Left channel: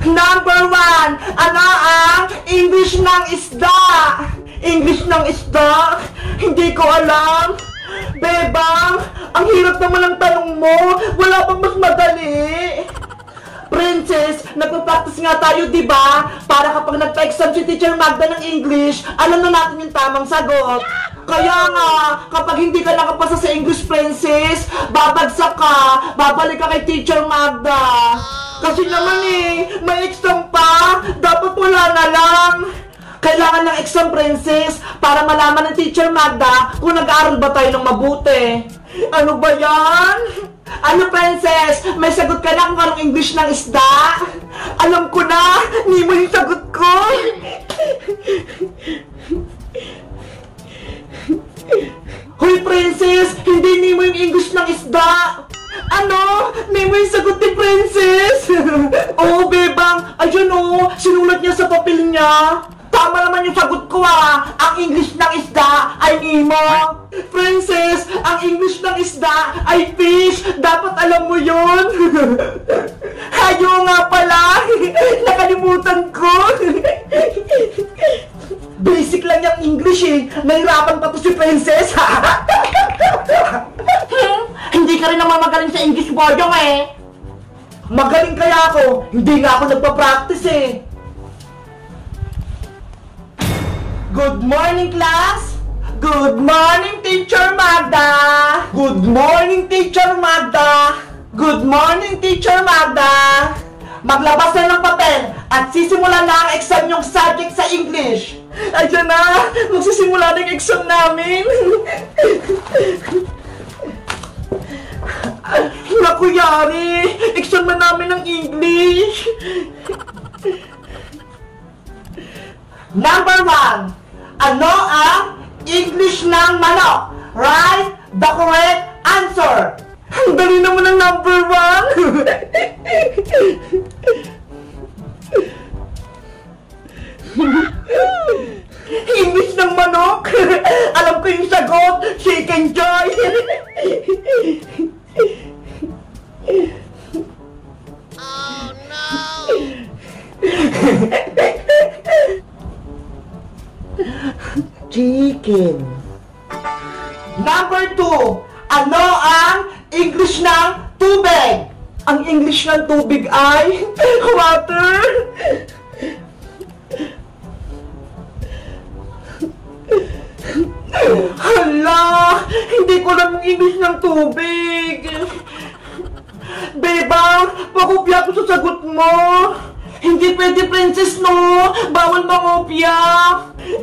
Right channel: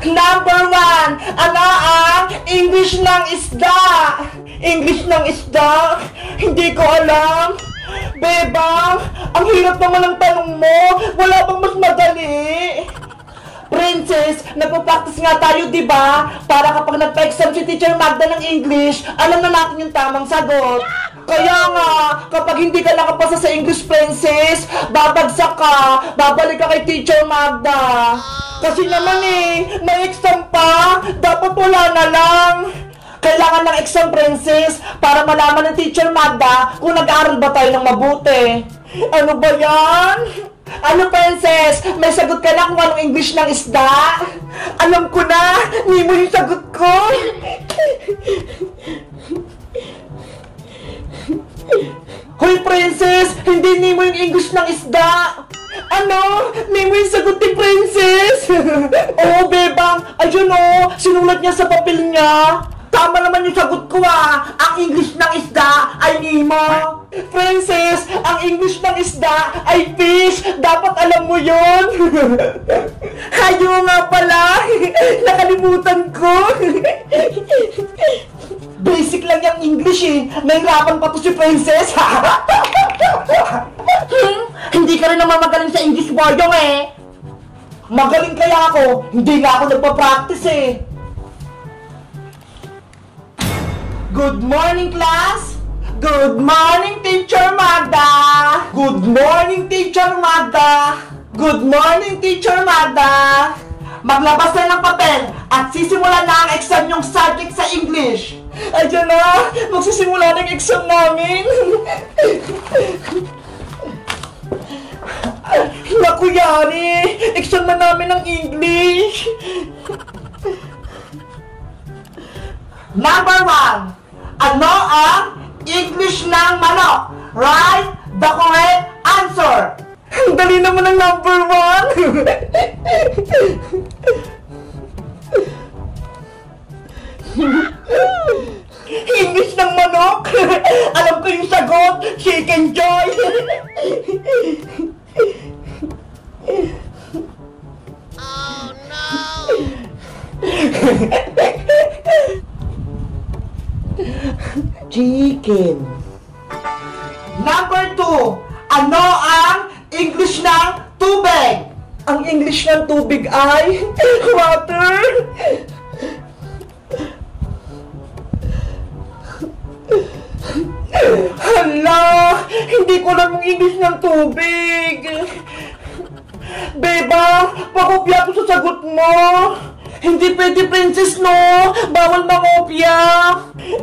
Number 1, ano ang English ng isda? English ng isda? Hindi ko alam. Bebang, ang hirap naman ng tanong mo. Wala bang mas madali? Princess, nagpo-practice nga tayo, di ba? Para kapag nagpa-exam si Teacher Magda ng English, alam na natin yung tamang sagot. Kaya nga, kapag hindi ka nakapasa sa English, Princess, babagsak ka, babalik ka kay Teacher Magda. Kasi naman may exam pa, dapat wala na lang. Kailangan ng exam, Princess, para malaman ng Teacher Magda kung nag-aaral ba tayo ng mabuti. Ano ba yan? Ano, Princess? May sagot ka na kung anong English ng isda? Alam ko na! Nemo yung sagot ko! Hoy, Princess! Hindi Nemo yung English ng isda! Ano? Nemo yung sagot ni Princess! Oo, Bebang! Ayun sinulat niya sa papel niya! Tama naman yung sagot ko Ang English ng isda ay Nemo. Princess, ang English ng isda ay fish. Dapat alam mo yon. Hayo nga pala. Nakalimutan ko. Basic lang yung English Nahirapan pa to si Princess. Hindi ka rin naman magaling sa English, Boyong Magaling kaya ako. Hindi nga ako nagpa-practice Good morning, class! Good morning, Teacher Magda! Good morning, Teacher Magda! Good morning, Teacher Magda! Maglabas na ng papel at sisimulan na ang exam yung subject sa English. Ayan na! Magsisimula na yung exam namin! Naku, yari! Exam na namin ng English! Number 1. Ano ang English ng manok? Write the correct answer. Ang dali naman ng number 1. English ng manok? Alam ko yung sagot. Chicken joy. Oh no! Chicken. Number 2. Ano ang English ng tubig? Ang English ng tubig ay water. Hala, hindi ko alam ang English ng tubig. Beba, pakopya ko sa sagot mo. Hindi pwede, Princess, no? Bawal mangopya.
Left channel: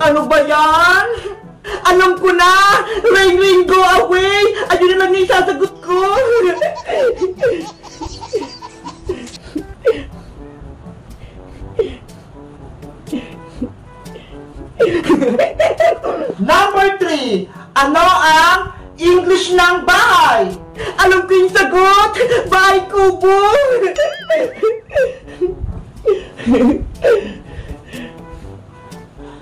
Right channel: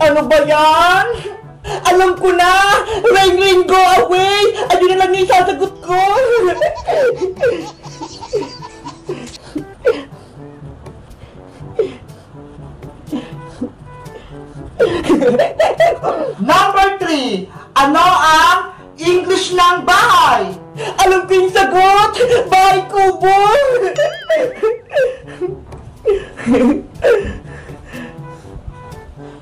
Ano ba yan? Alam ko na! Rain, rain, go away! Ayun na lang yung sasagot ko! Number 3. Ano ang English ng bahay? Alam ko yung sagot! Bahay kubo!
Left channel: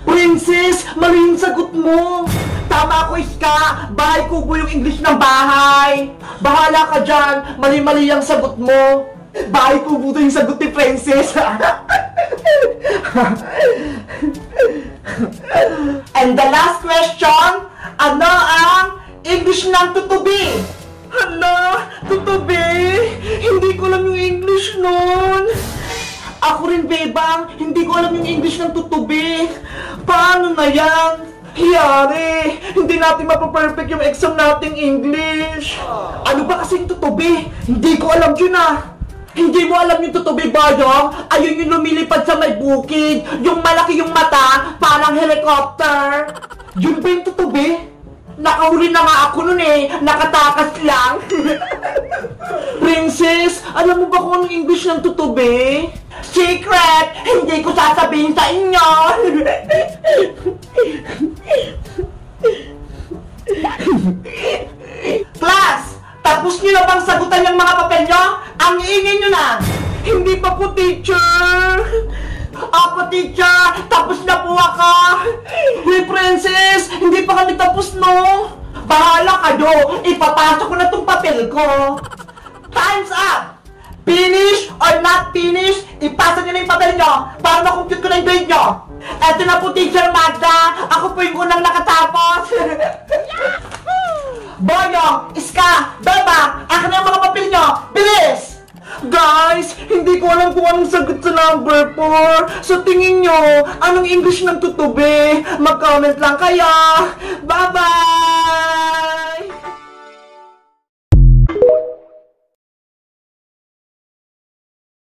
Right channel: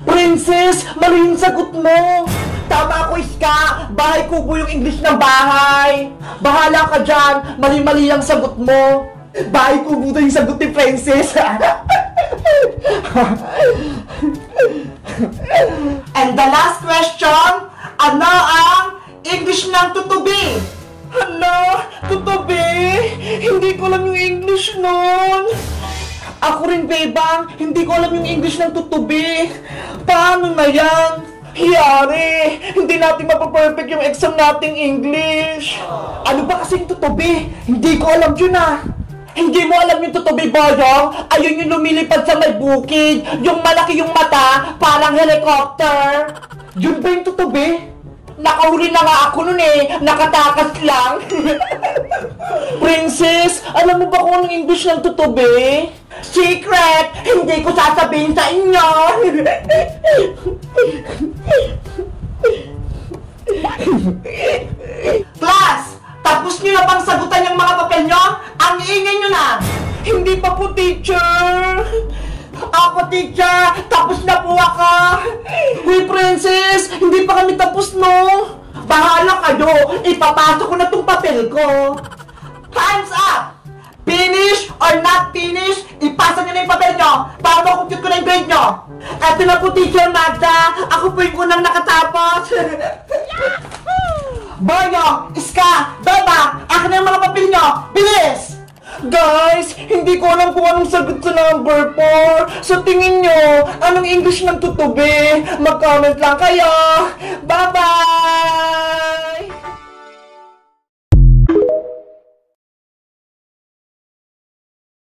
Princess, mali yung sagot mo. Tama ko, Iska. Bahay kubo yung English ng bahay. Bahala ka dyan. Mali-mali ang sagot mo. Bahay kubo na yung sagot ni Princess. And the last question, ano ang English ng tutubi? Hala, tutubi? Hindi ko alam yung English nun. Ako rin, Bebang, hindi ko alam yung English ng tutubi. Paano na yan? Hiyari, hindi natin mapaperfect yung exam nating English. Ano ba kasi yung tutubi? Hindi ko alam yun Hindi mo alam yung tutubi, Boyong? Ayun yung lumilipad sa may bukid. Yung malaki yung mata, parang helicopter. Yun ba yung tutubi? Nakahuli na nga ako nun nakatakas lang. Princess, alam mo ba kung anong English ng tutubi? Secret! Hindi ko sasabihin sa inyo! Class! Tapos nyo na bang sagutan yung mga papel nyo? Ang iingay nyo na! Hindi pa po, teacher! Ako, teacher! Tapos na po ako! Hey, Princess! Hindi pa kami tapos, no? Bahala kayo! Ipapasok ko na tong papel ko! Time's up! Finish or not finish, ipasa nyo na yung papel nyo para makompute ko na yung grade nyo. Eto na po, Teacher Magda. Ako po yung unang nakatapos. Boyo, Iska, Bebang, akin na yung mga papel nyo. Bilis! Guys, hindi ko alam kung anong sagot sa number 4. So tingin nyo, anong English ng tutubi? Mag-comment lang kayo. Bye-bye!